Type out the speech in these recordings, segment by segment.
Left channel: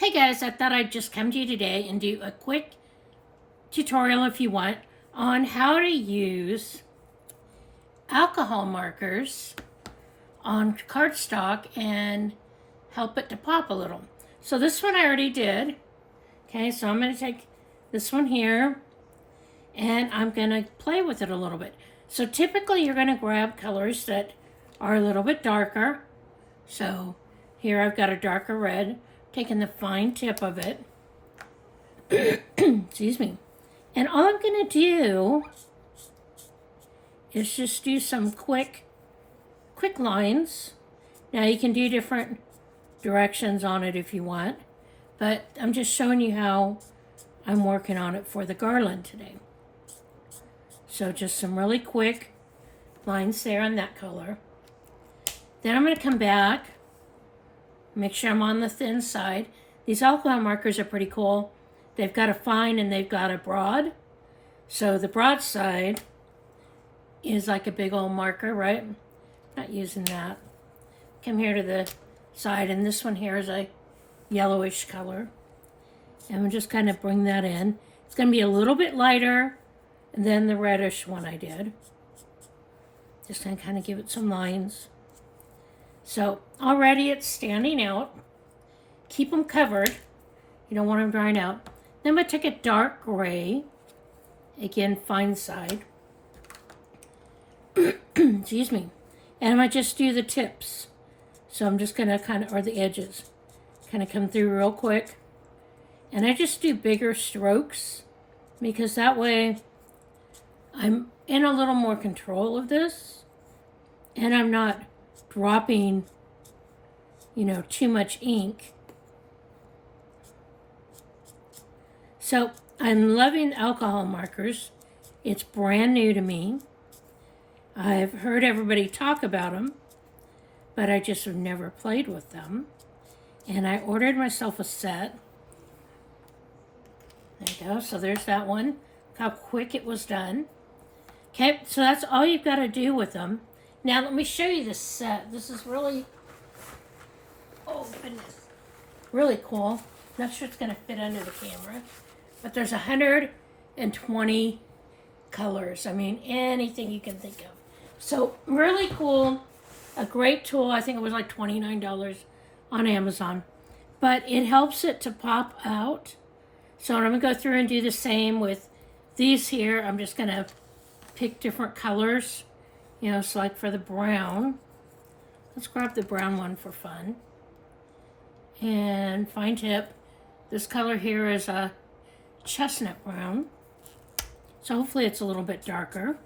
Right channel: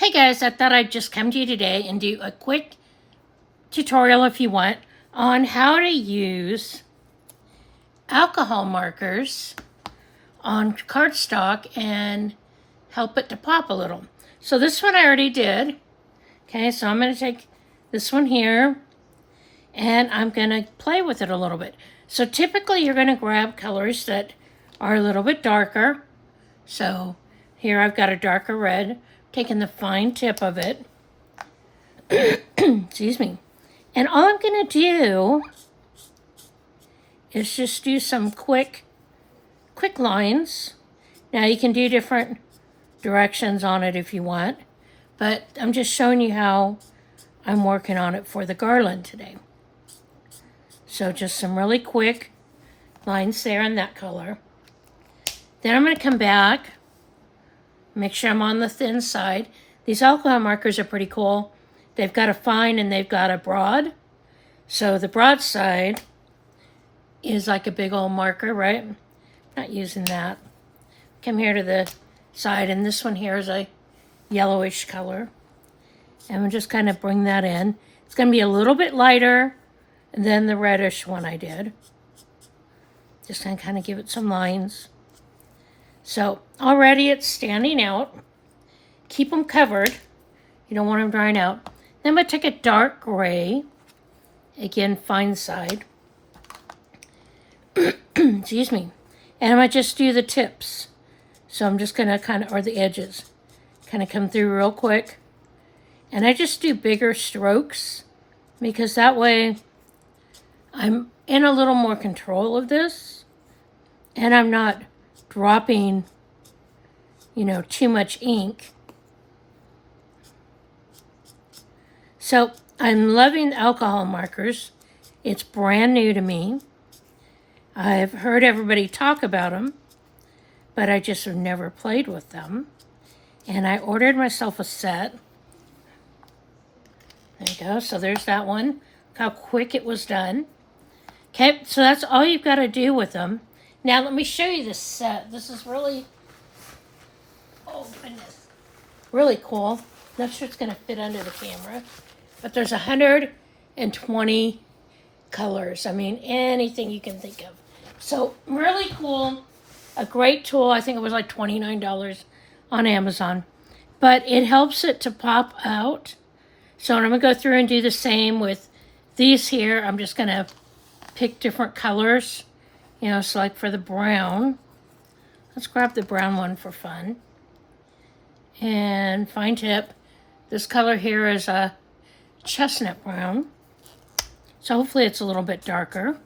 Hey guys, I thought I'd just come to you today and do a quick tutorial, if you want, on how to use alcohol markers on cardstock and help it to pop a little. So this one I already did. Okay, so I'm going to take this one here and I'm going to play with it a little bit. So typically you're going to grab colors that are a little bit darker. So here I've got a darker red, taking the fine tip of it. Excuse me. And all I'm going to do is just do some quick lines. Now you can do different directions on it if you want, but I'm just showing you how I'm working on it for the garland today. So just some really quick lines there in that color. Then I'm going to come back, make sure I'm on the thin side. These alcohol markers are pretty cool. They've got a fine and they've got a broad. So the broad side is like a big old marker, right? Not using that. Come here to the side, and this one here is a yellowish color. And we'll just kind of bring that in. It's going to be a little bit lighter than the reddish one I did. Just going to kind of give it some lines. So already it's standing out. Keep them covered. You don't want them drying out. Then I'm going to take a dark gray. Again, fine side. Excuse me. And I'm going to just do the tips. So I'm just going to kind of, or the edges, kind of come through real quick. And I just do bigger strokes because that way I'm in a little more control of this. And I'm not dropping, too much ink. So I'm loving alcohol markers. It's brand new to me. I've heard everybody talk about them, but I just have never played with them. And I ordered myself a set. There you go. So there's that one. Look how quick it was done. Okay, so that's all you've got to do with them. Now let me show you this set. This is really, oh goodness, really cool. Not sure it's going to fit under the camera, but there's 120 colors. I mean, anything you can think of. So really cool, a great tool. I think it was like $29 on Amazon, but it helps it to pop out. So I'm going to go through and do the same with these here. I'm just going to pick different colors, so like for the brown, let's grab the brown one for fun. And fine tip, this color here is a chestnut brown. So hopefully it's a little bit darker.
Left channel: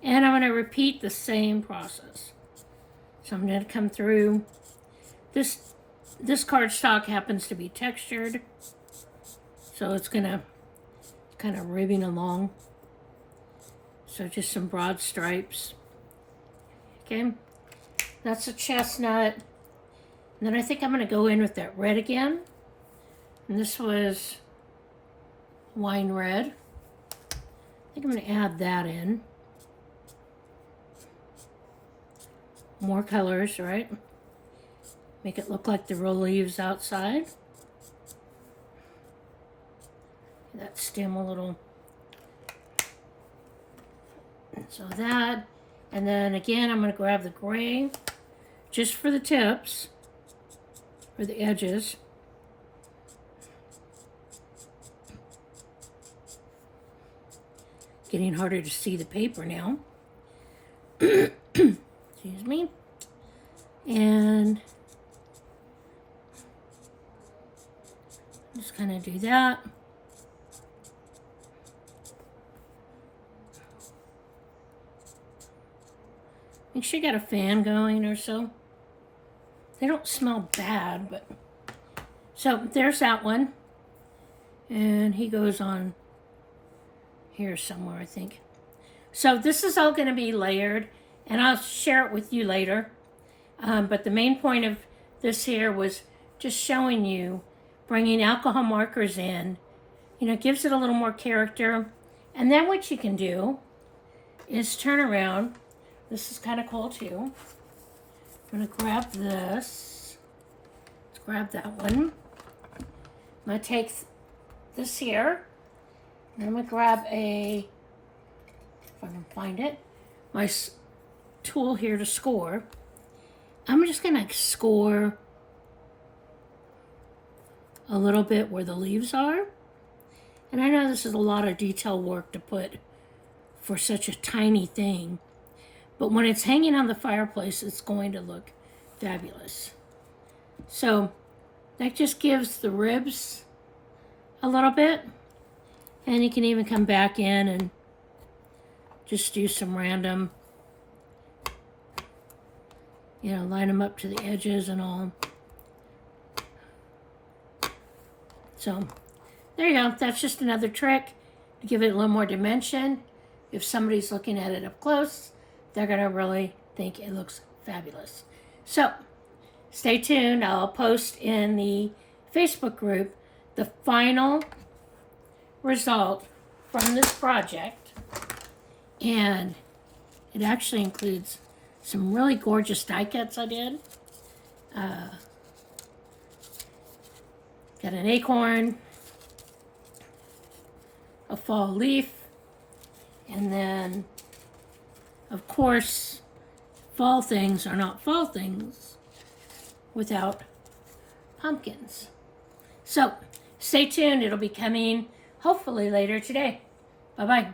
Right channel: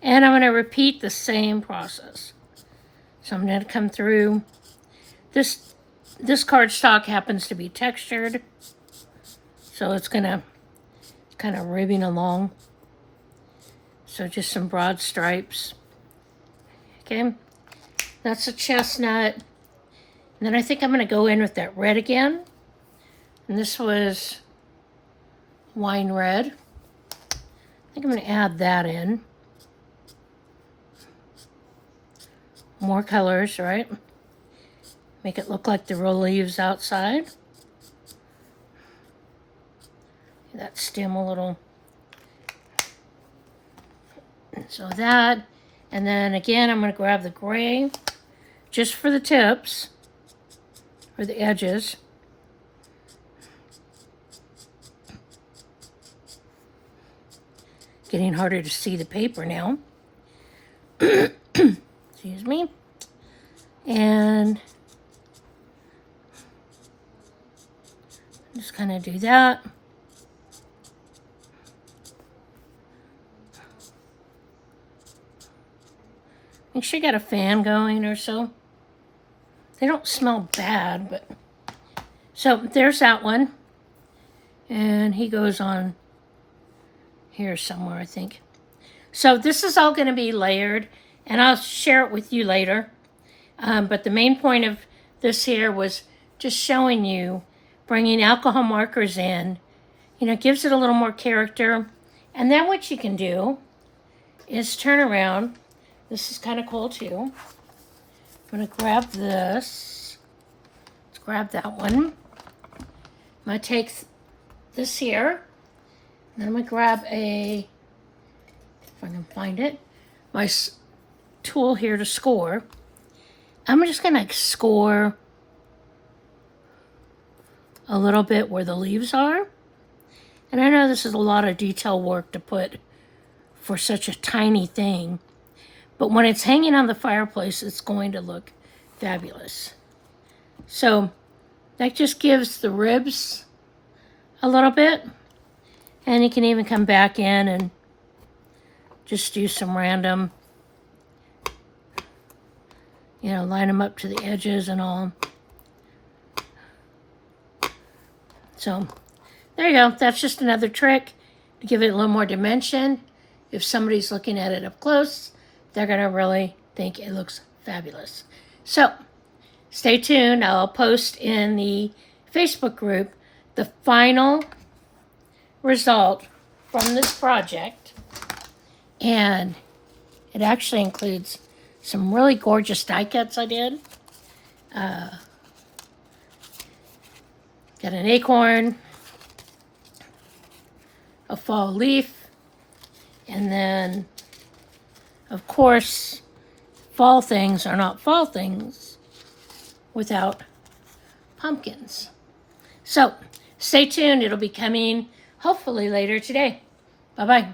And I'm going to repeat the same process. So I'm going to come through. This cardstock happens to be textured. So it's going to kind of ribbing along. So just some broad stripes. Okay. That's a chestnut. And then I think I'm going to go in with that red again. And this was wine red. I think I'm going to add that in. More colors, right? Make it look like the real leaves outside. That stem a little. So that, and then again, I'm going to grab the gray just for the tips, for the edges. Getting harder to see the paper now. Excuse me. And just kind of do that. Make sure you got a fan going or so. They don't smell bad, but so there's that one. And he goes on here somewhere, I think. So this is all going to be layered, and I'll share it with you later. But the main point of this here was just showing you bringing alcohol markers in. Gives it a little more character. And then what you can do is turn around. This is kind of cool too. I'm going to grab this. Let's grab that one. going to take this here, and I'm going to grab if I can find it, my tool here to score. I'm just going to score a little bit where the leaves are. And I know this is a lot of detail work to put for such a tiny thing, but when it's hanging on the fireplace, it's going to look fabulous. So that just gives the ribs a little bit, and you can even come back in and just do some random, line them up to the edges and all. So there you go. That's just another trick to give it a little more dimension. If somebody's looking at it up close, they're going to really think it looks fabulous. So stay tuned. I'll post in the Facebook group the final result from this project. And it actually includes some really gorgeous die cuts I did. Got an acorn, a fall leaf, and then, of course, fall things are not fall things without pumpkins. So stay tuned. It'll be coming hopefully later today. Bye-bye.